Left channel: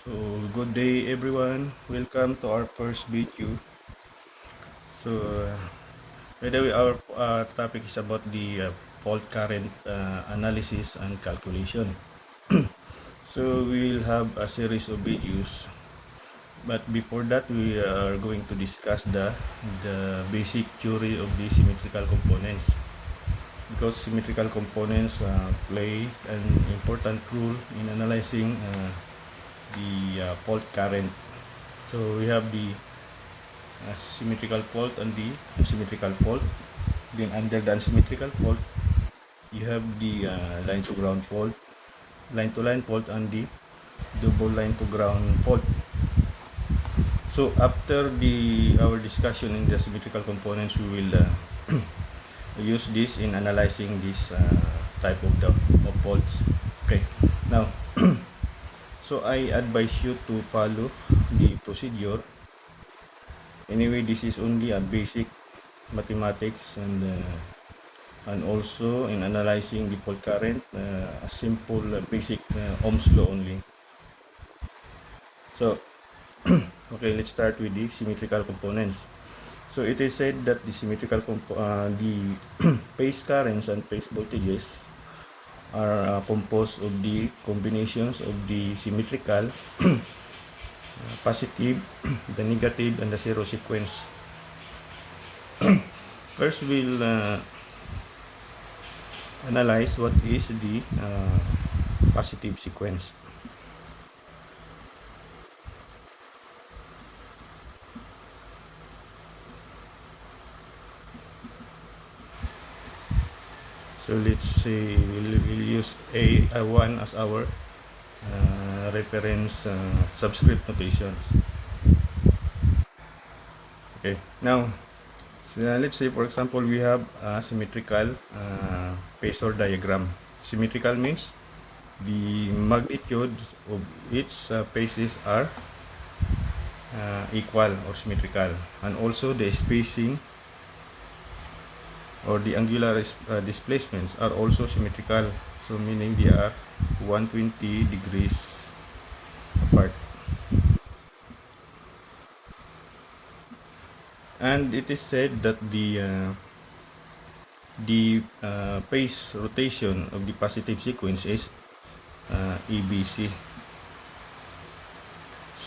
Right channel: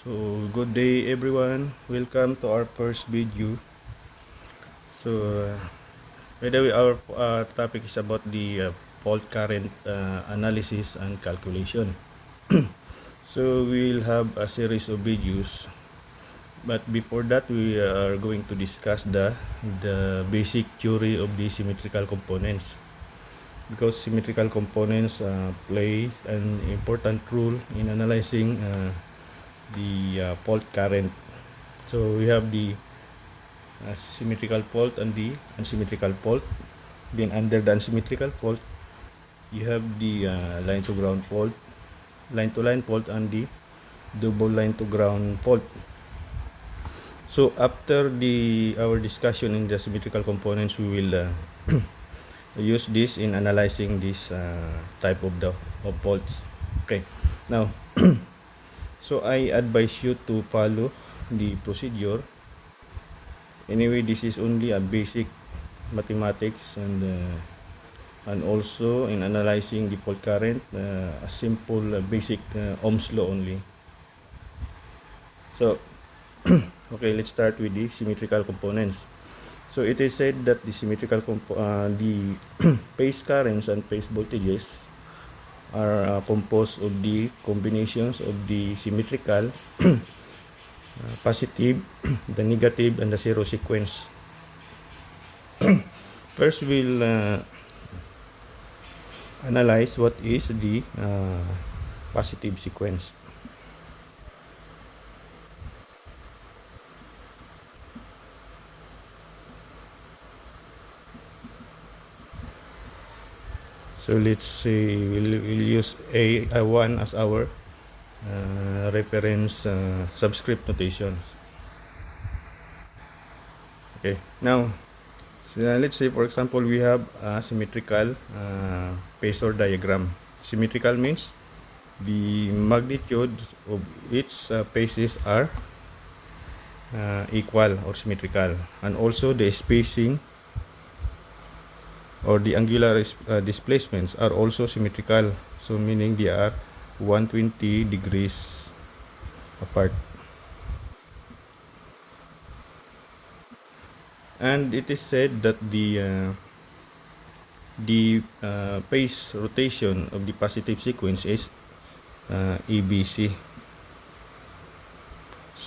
So good day everyone, welcome to our first video. So by the way, our topic is about the fault current analysis and calculation. So we will have a series of videos, but before that we are going to discuss the basic theory of the symmetrical components, because symmetrical components play an important role in analyzing the fault current. So we have the symmetrical fault and the unsymmetrical fault. Then under the unsymmetrical fault, you have the line to ground fault, line to line fault, and the double line to ground fault. So after our discussion in the symmetrical components, we will use this in analyzing this type of faults. Okay, now so I advise you to follow the procedure. Anyway, this is only a basic mathematics, and also in analyzing the fault current, a simple basic Ohm's law only. So okay, let's start with the symmetrical components. So it is said that the the phase currents and phase voltages are composed of the combinations of the symmetrical positive, the negative, and the zero sequence. First, we'll analyze what is the positive sequence. So let's say we'll use A1 as our reference subscript notation. Okay, now so let's say for example we have a symmetrical phasor diagram. Symmetrical means the magnitude of each phases are equal or symmetrical, and also the spacing or the angular displacements are also symmetrical, so meaning they are 120 degrees apart. And it is said that the phase rotation of the positive sequence is ABC.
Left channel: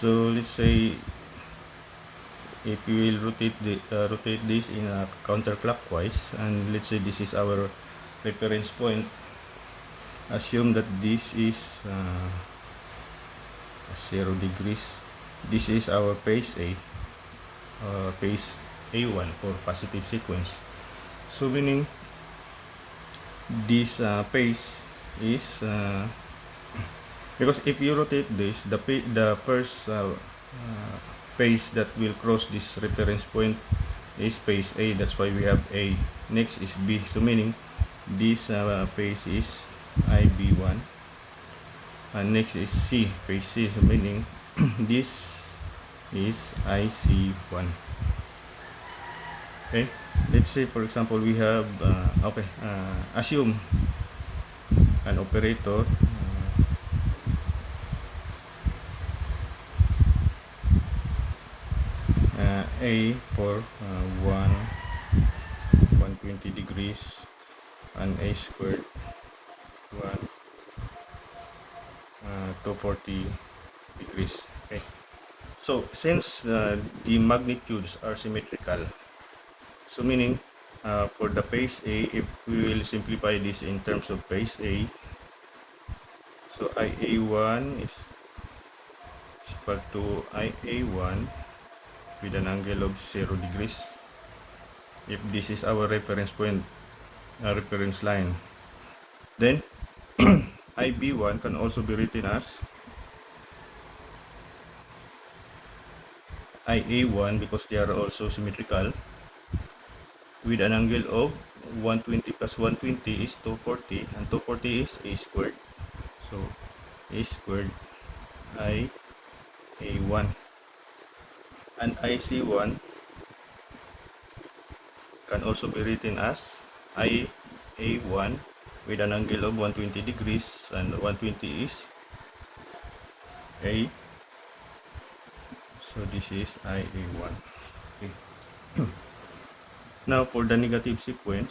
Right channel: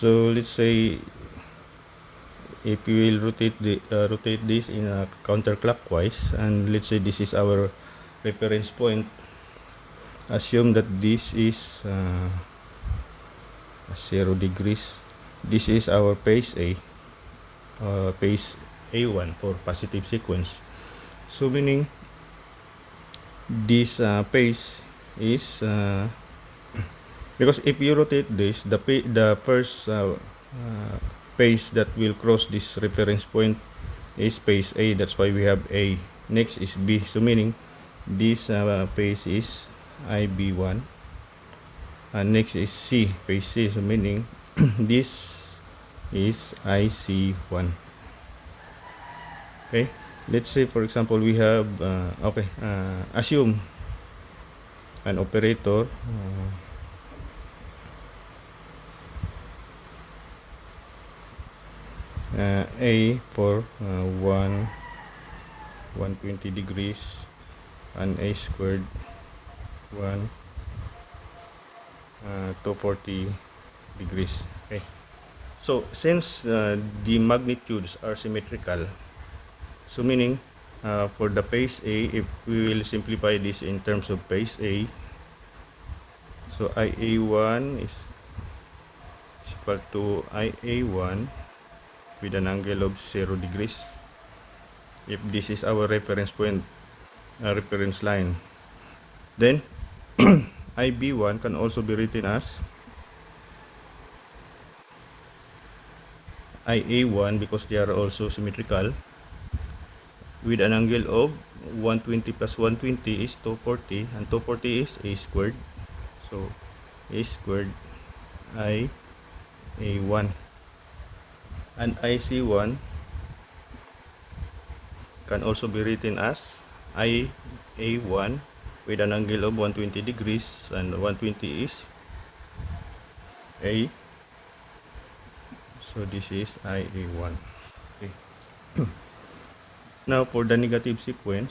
So let's say if we will rotate this in a counterclockwise, and let's say this is our reference point, assume that this is 0 degrees. This is our phase A, phase A1 for positive sequence. So meaning this phase is because if you rotate this, the first phase that will cross this reference point is phase A. That's why we have A. Next is B. So meaning this phase is IB1, and next is C, phase C. So meaning this is IC1. Okay, let's say for example we have assume an operator A for 120 degrees and A squared 240 degrees. Okay, so since the magnitudes are symmetrical, so meaning for the phase A, if we will simplify this in terms of phase A, so IA1 is equal to IA1 with an angle of 0 degrees if this is our reference point, reference line. Then IB1 can also be written as IA1, because they are also symmetrical, with an angle of 120 plus 120 is 240, and 240 is A squared, so A squared IA1, and IC1 can also be written as IA1 with an angle of 120 degrees, and 120 is A So this is IA1. Okay. Now for the negative sequence,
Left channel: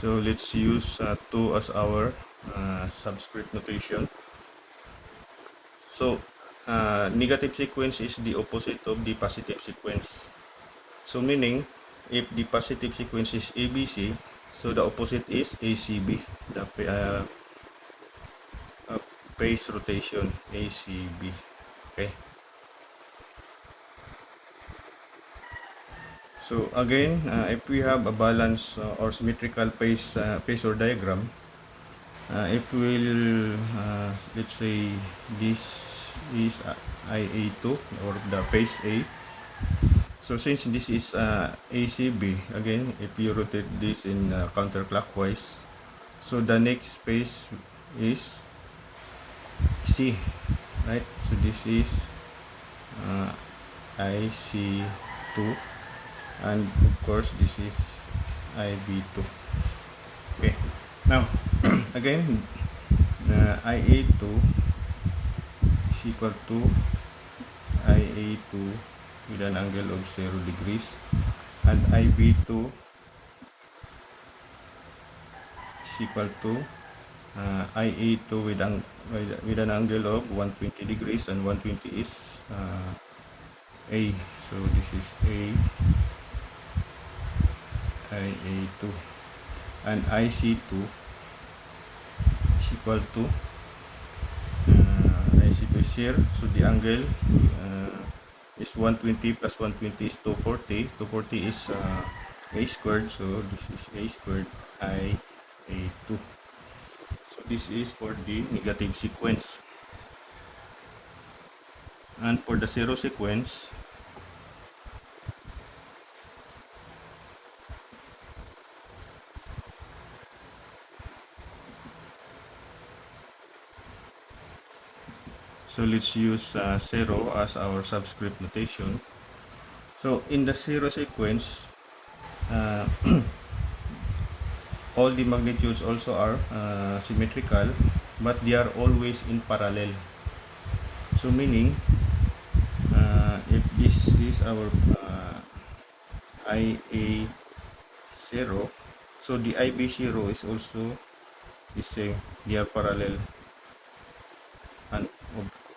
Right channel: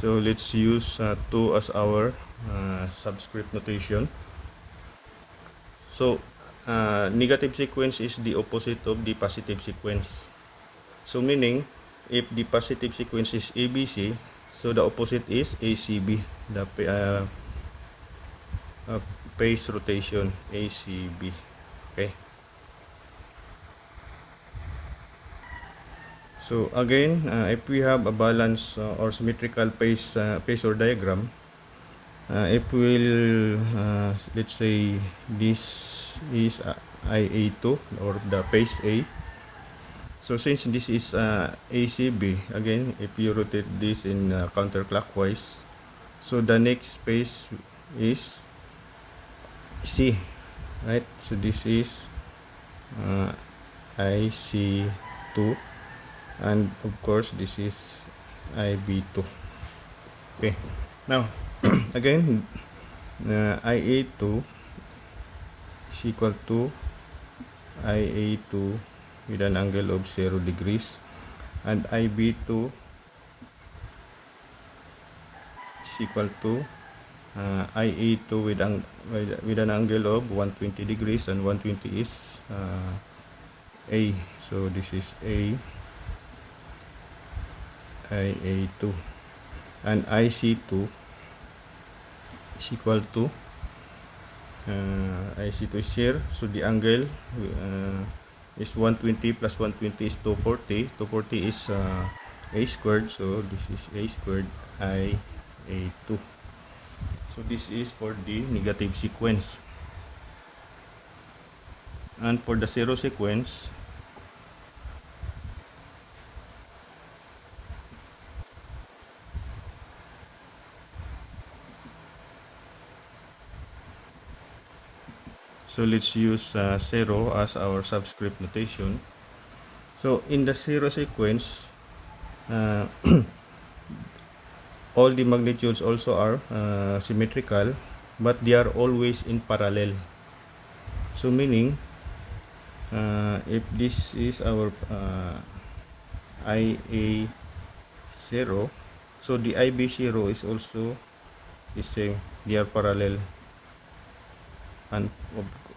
so let's use 2 as our subscript notation. So negative sequence is the opposite of the positive sequence. So meaning, if the positive sequence is ABC, so the opposite is ACB, the phase rotation, ACB. Okay. So again, if we have a balance or symmetrical phasor diagram, if we'll let's say this is IA2 or the phase A. So since this is ACB, again, if you rotate this in counterclockwise, so the next phase is C, right? So this is uh, IC2, and of course this is IB2. Okay, now again, IA2 is equal to IA2 with an angle of 0 degrees, and IB2 is equal to IA2 with an angle of 120 degrees, and 120 is A. So this is IA2, and IC2 is equal to IC2 is here, so the angle is 120 plus 120 is 240. 240 is A squared, so this is A squared IA2. So this is for the negative sequence. And for the zero sequence, so let's use 0 as our subscript notation. So in the zero sequence, all the magnitudes also are symmetrical, but they are always in parallel. So meaning, if this is our IA0, so the IB0 is also the same, they are parallel, and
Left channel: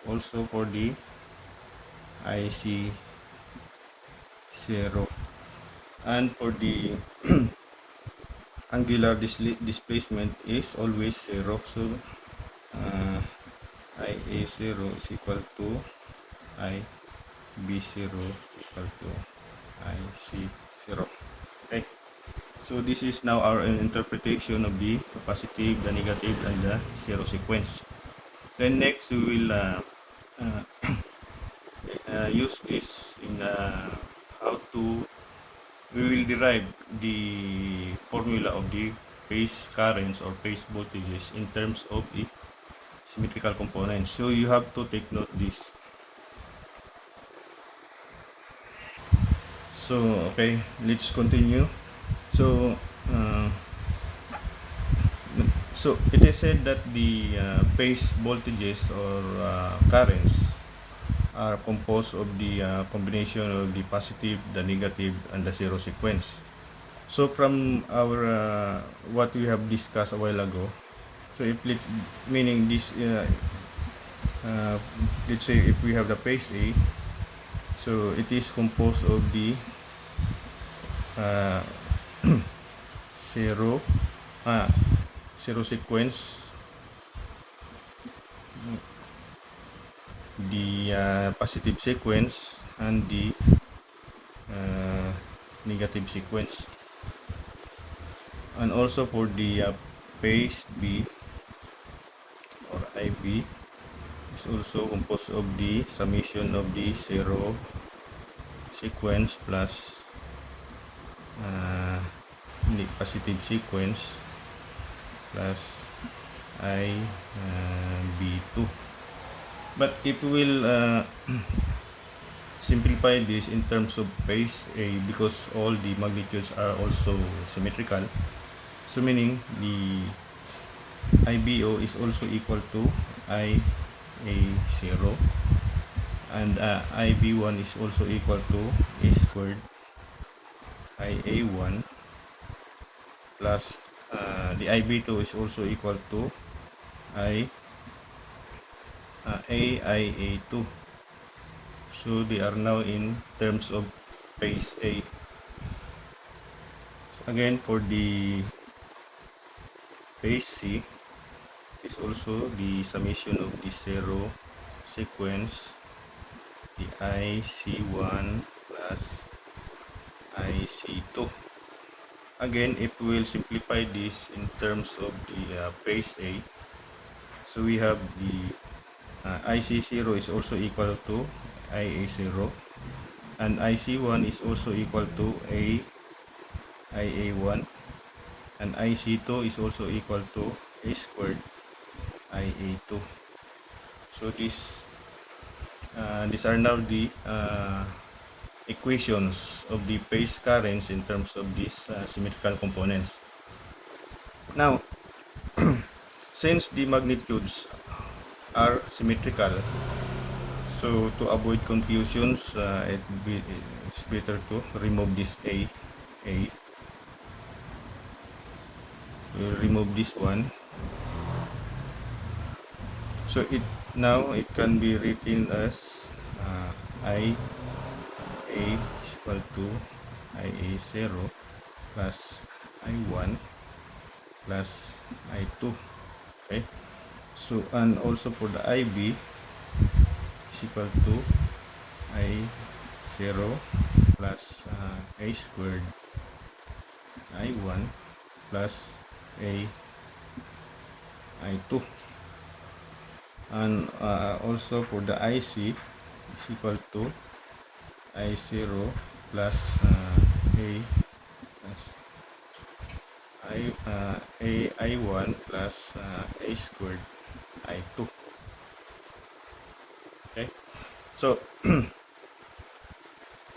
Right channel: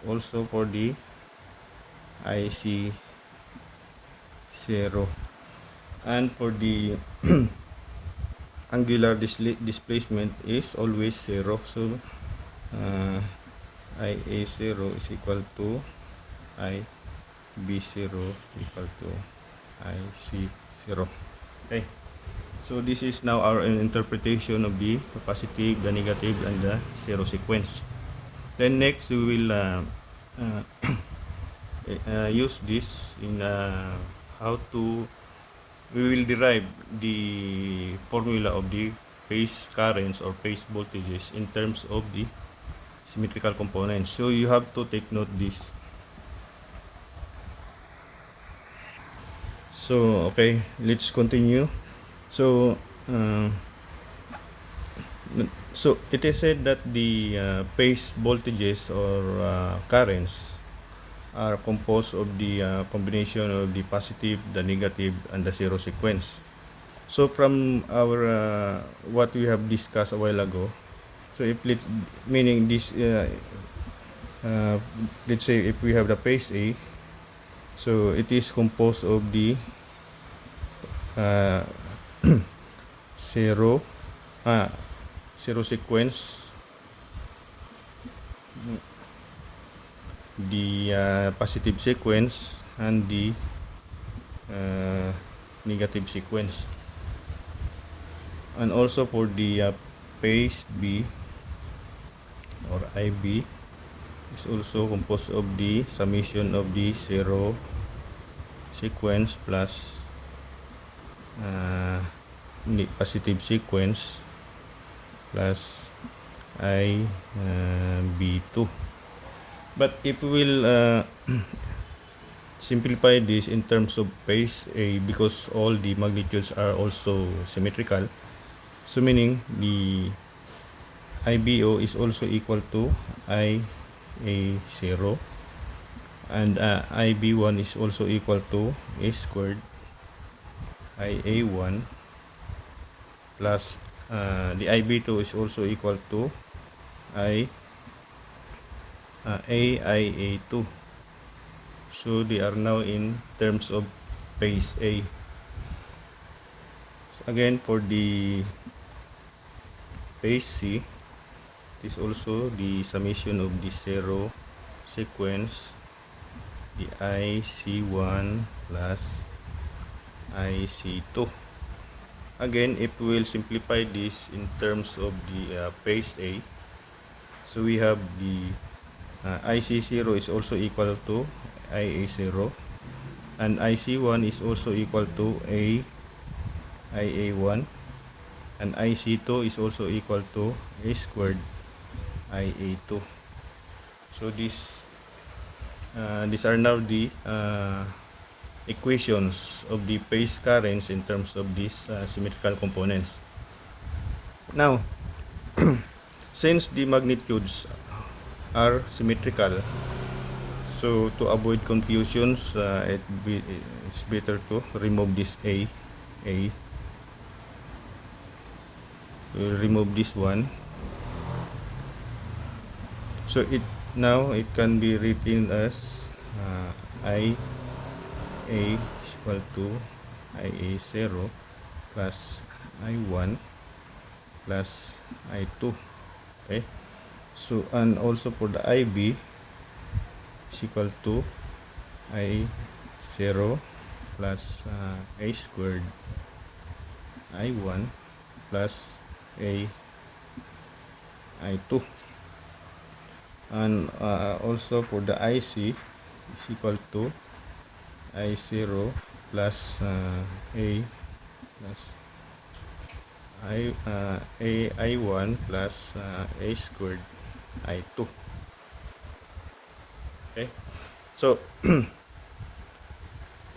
also for the IC0, and for the angular displacement is always 0. So IA0 is equal to IB0 equal to IC0. Okay, so this is now our interpretation of the positive, the negative, and the zero sequence. Then next we will use this in how to we will derive the formula of the phase currents or phase voltages in terms of the symmetrical components. So you have to take note this. So okay, let's continue. So so it is said that the phase voltages or currents are composed of the combination of the positive, the negative, and the zero sequence. So from our what we have discussed a while ago, so if meaning this let's say if we have the phase A, so it is composed of the uh, zero zero sequence, the positive sequence, and the negative sequence. And also for the phase B or IB is also composed of the summation of the zero sequence plus positive sequence plus IB2. But if we will simplify this in terms of base A because all the magnitudes are also symmetrical. So meaning the IBO is also equal to IA0, and IB1 is also equal to A squared IA1 plus the IB2 is also equal to I AIA2. So they are now in terms of base A. Again, for the base C, it is also the summation of the zero sequence, the IC1 plus IC2. Again, if we will simplify this in terms of the base A, so we have the IC0 is also equal to IA0, and IC1 is also equal to IA1, and IC2 is also equal to A squared IA2. So these are now the equations of the phase currents in terms of these symmetrical components. Now, since the magnitudes are symmetrical, so to avoid confusions, it's better to remove this A. We'll remove this one. So now it can be written as IA equal to IA0 plus I1 plus I2. Okay. So, and also for the IB is equal to I0 plus A squared I1 plus I2. And also for the IC is equal to I0 plus A plus I1 plus A squared I2. Okay, so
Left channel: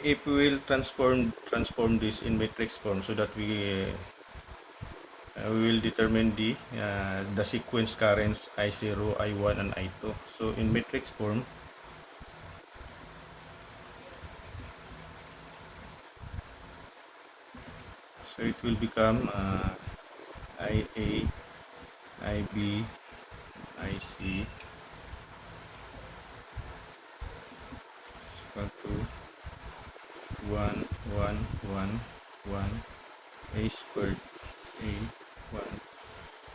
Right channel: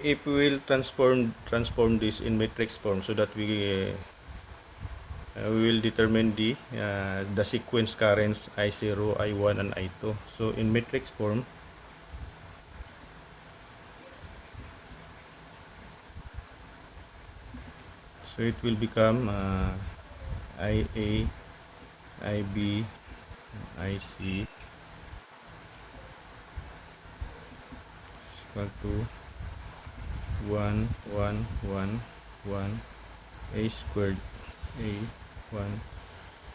if we will transform this in matrix form so that we will determine the sequence currents I0, I1, and I2. So in matrix form, so it will become IA, IB, IC equal to 1, 1, 1, 1, A squared, A, 1,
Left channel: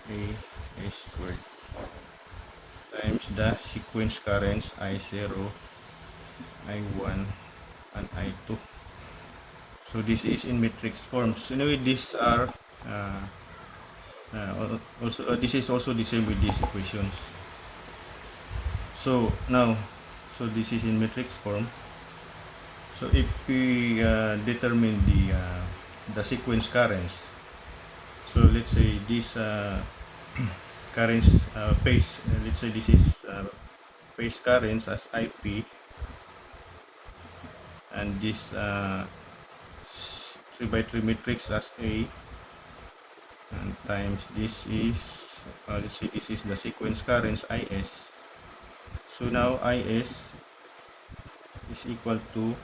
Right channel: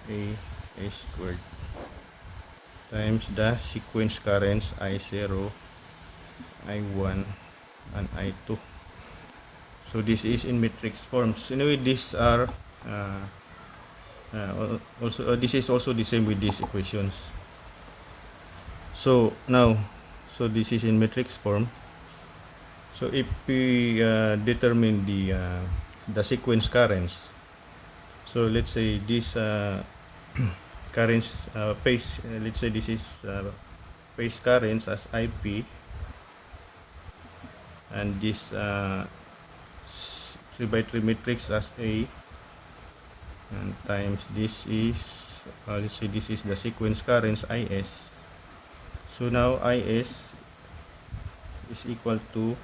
A squared times the sequence currents I0, I1, and I2. So this is in matrix forms. Anyway, these are also this is also the same with these equations. So now, so this is in matrix form. So if we determine the sequence currents, so let's say this currents phase, let's say this is phase currents as IP, and this 3 by 3 matrix as A, and times this is let's say this is the sequence currents IS. So now IS is equal to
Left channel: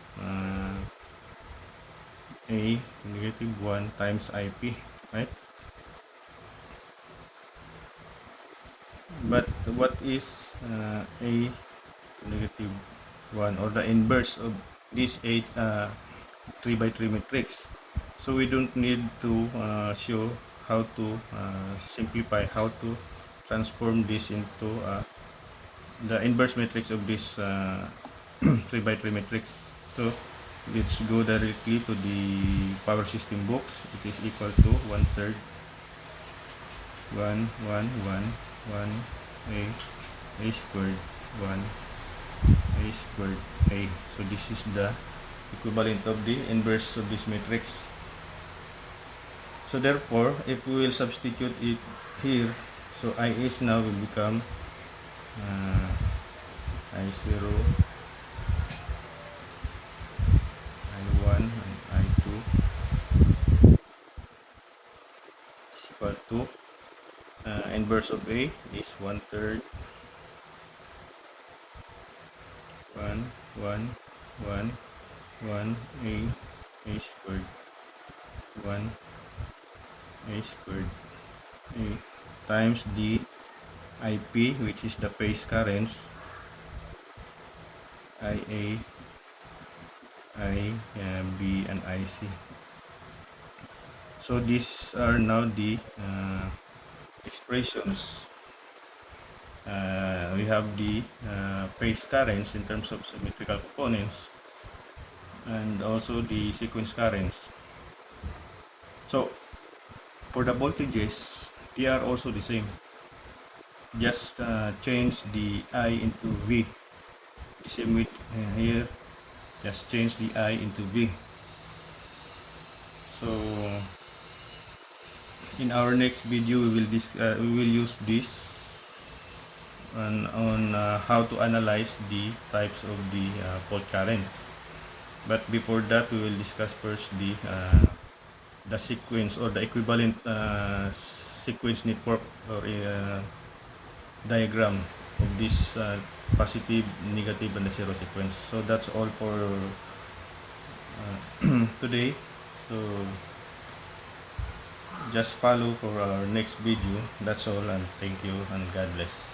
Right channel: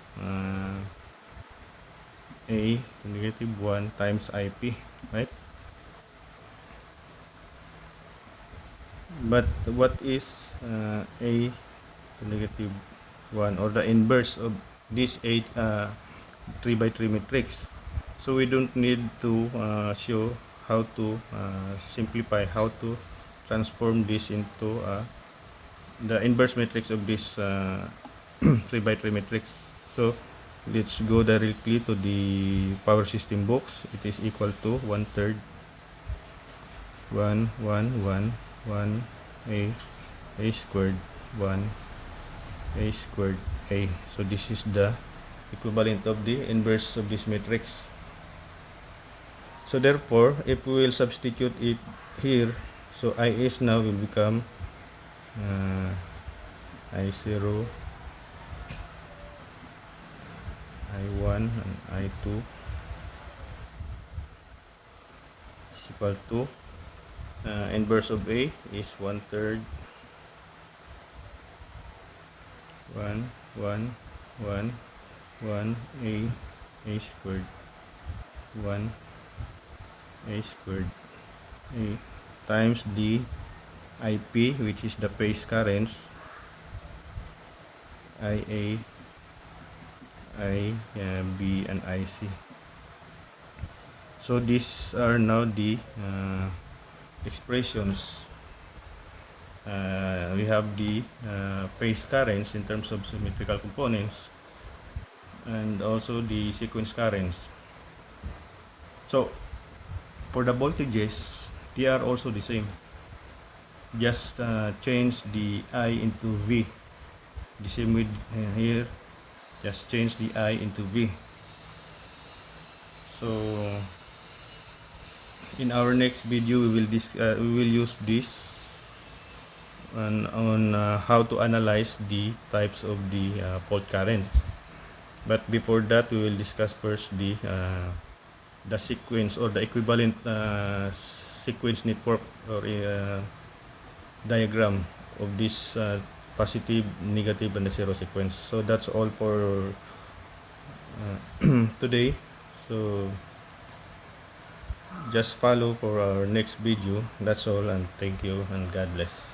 A negative 1 times IP, right? But what is A to negative 1, or the inverse of this 3 by 3 matrix? So we don't need to show how to simplify, how to transform this into the inverse matrix of this 3 by 3 matrix. So let's go directly to the power system box. It is equal to 1/3 1 1 1 1 A squared 1 A squared A. So this is the equivalent of the inverse of this matrix. So therefore, if we will substitute it here, so IS now will become I0 I1 and I2 is equal to inverse of A is 1/3 1 1 1 1 A squared 1 A squared A times the IP, which is the phase currents, IA, B, and IC. So these are now the expressions. We have the phase currents in terms of symmetrical components and also the sequence currents. So for the voltages, they are also the same. Just change the I into V. The same with here, just change the I into V. So in our next video, we will use this on how to analyze the types of the fault current. But before that, we will discuss first the sequence or the equivalent sequence network or diagram of this positive, negative, and the zero sequence. So that's all for today. So just follow for our next video. That's all, and thank you and God bless.